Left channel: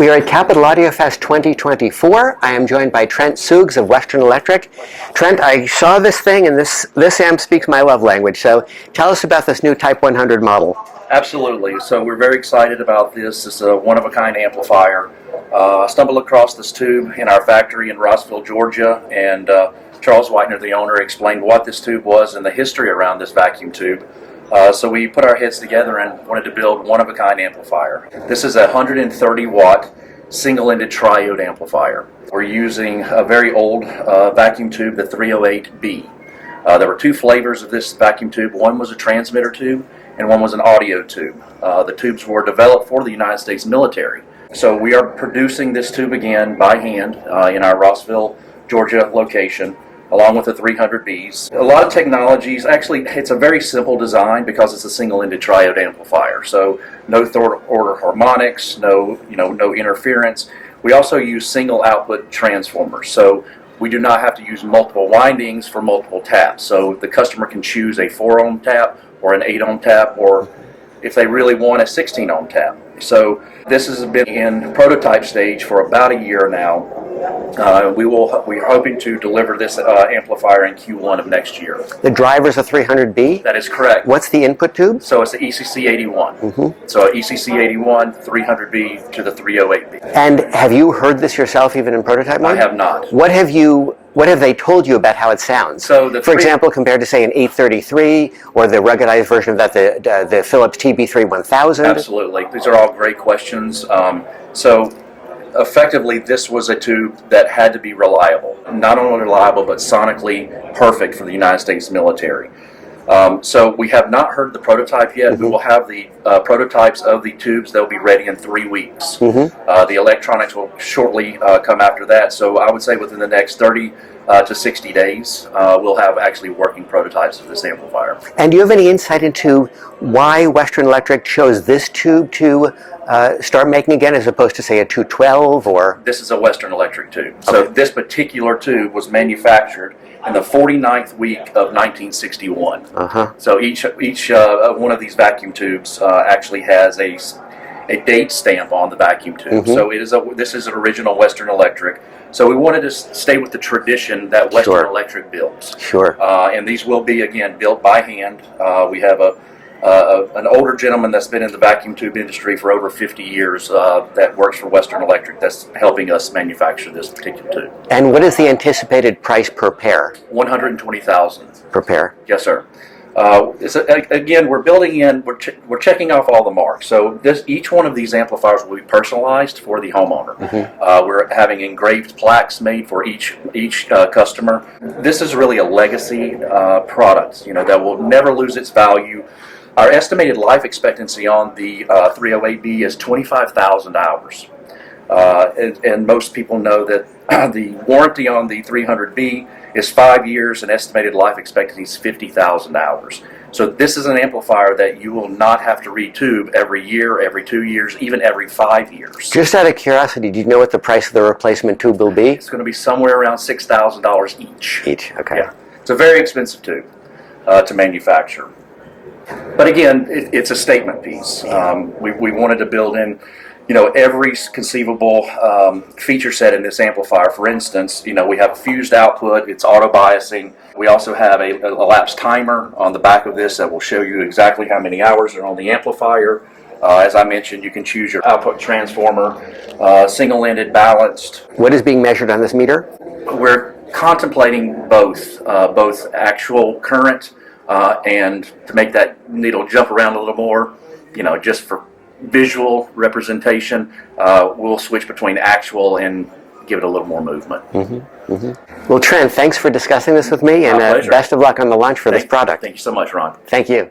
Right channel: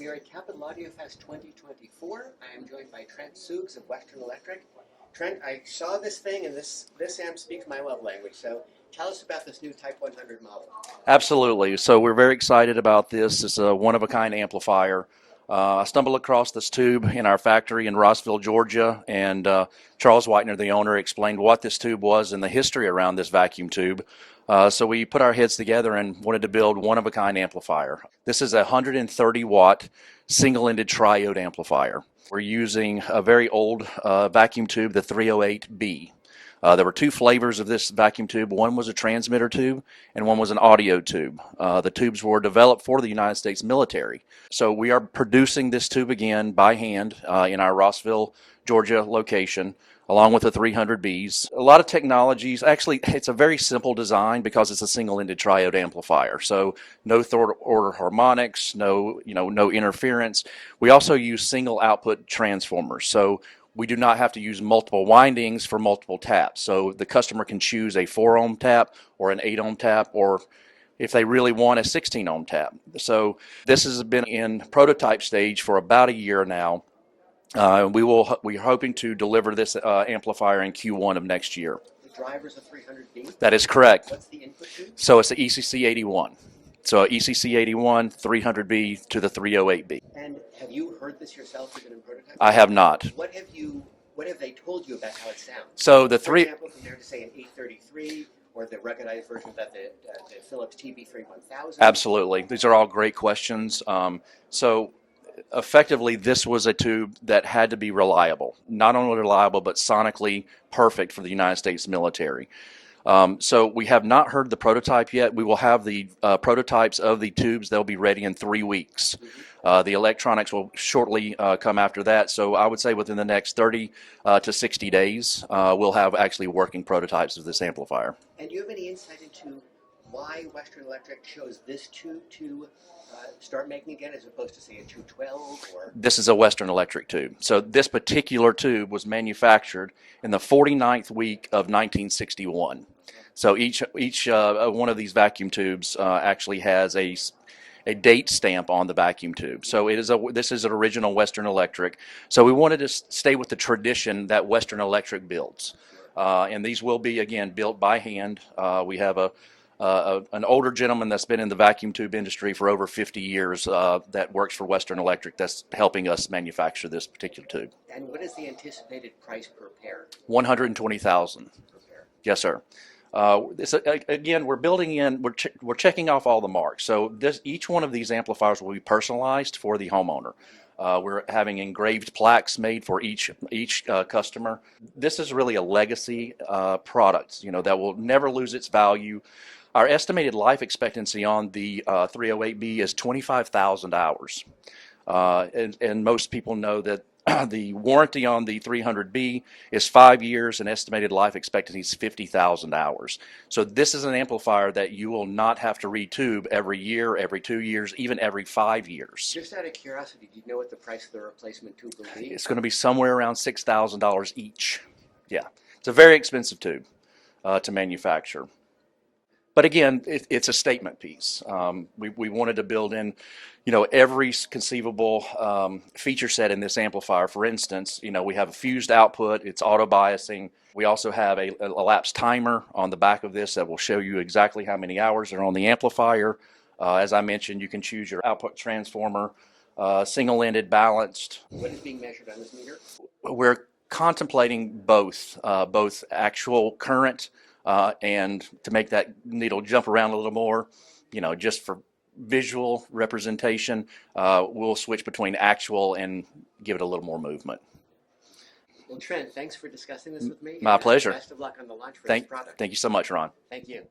We are at Capital AudioFest 2024. I am joined by Trent Suggs of Western Electric. Trent, I saw this thing, and this amp speaks my love language. So tell us about this new Type 100 model. Absolutely. So we're very excited about this. It's a one-of-a-kind amplifier. I stumbled across this tube in our factory in Rossville, Georgia, and Charles Whitener, the owner, explained what this tube was and the history around this vacuum tube. So we put our heads together and wanted to build one-of-a-kind amplifier. This is a 130-watt single-ended triode amplifier. We're using a very old vacuum tube, the 308B. There were two flavors of this vacuum tube. One was a transmitter tube and one was an audio tube. The tubes were developed for the United States military. So we are producing this tube again by hand in our Rossville, Georgia location, along with the 300Bs. A lot of technologies, actually it's a very simple design because it's a single-ended triode amplifier. So no third-order harmonics, no interference. We also use single output transformers. So we do not have to use multiple windings for multiple taps. So the customer can choose a 4-ohm tap or an 8-ohm tap, or if they really want a 16-ohm tap. So this has been in prototype stage for about a year now. We're hoping to deliver this amplifier in Q1 of next year. The driver's a 300B? That is correct. What's the input tube? So it's the ECC81. Mm-hmm. So ECC81, 300B to the 308B. And have you heard this yourself even in prototype mode? I have not. What have they told you about how it sounds? So for example, compared to say an 833 or the ruggedized version of that, the Philips TB3 1000? Absolutely. These are all great questions. So effectively, this was a tube that had to be reliable. Not only reliable, but sonically perfect for the United States military. So we have not heard the prototype yet. Mm-hmm. We will have the prototypes of the tubes. They'll be ready in 3 weeks. Mm-hmm. The electronics will shortly come after that. So I would say within the next 30 to 60 days, we'll have actually working prototypes of this amplifier. And do you have any insight into why Western Electric chose this tube to start making again, as opposed to, say, a 212 or? This is a Western Electric tube. So this particular tube was manufactured in the 49th week of 1961. Uh-huh. So each one of these vacuum tubes actually has a date stamp on the vacuum tube. Mm-hmm. So this is an original Western Electric. So we wanted to stay with the tradition that Western Electric builds. Sure. And these will be, again, built by hand. We have an older gentleman that's been in the vacuum tube industry for over 50 years that works for Western Electric that's helping us manufacture this particular tube. And what is the anticipated price per pair? $120,000 per pair. Yes, sir. Again, we're building in. We're checking off all the marks. So each one of these amplifiers will be personalized for the homeowner. Mm-hmm. We're having engraved plaques made for each customer. This is really a legacy product, that will never lose its value. Our estimated life expectancy on the 308B is 25,000 hours. And most people know that the warranty on the 300B is 5 years, and estimated life expectancy is 50,000 hours. So this is an amplifier that you will not have to retube every year, every 2 years, even every 5 years. Just out of curiosity, do you know what the price of the replacement tube will be? It's going to be somewhere around $6,000 each. Each, okay. Yeah. It's a very expensive tube to manufacture. But again, it's a statement piece. We wanted to build in, every conceivable feature set in this amplifier. For instance, we have fused output. It's auto biasing. We also have a elapsed timer on the back of this that will show you exactly how many hours are on the amplifier. As I mentioned, you can choose your output transformer, single-ended, balanced. What is being measured on this meter? We're contemplating both actual current. And to make that needle jump around a little more, just for visual representation, we'll switch between actual and give it a little more movement. Mm-hmm. Mm-hmm. Well, Trent, thanks for discussing this with me, and best of luck on the launch for this product. Thank you so much, Ron. Thank you.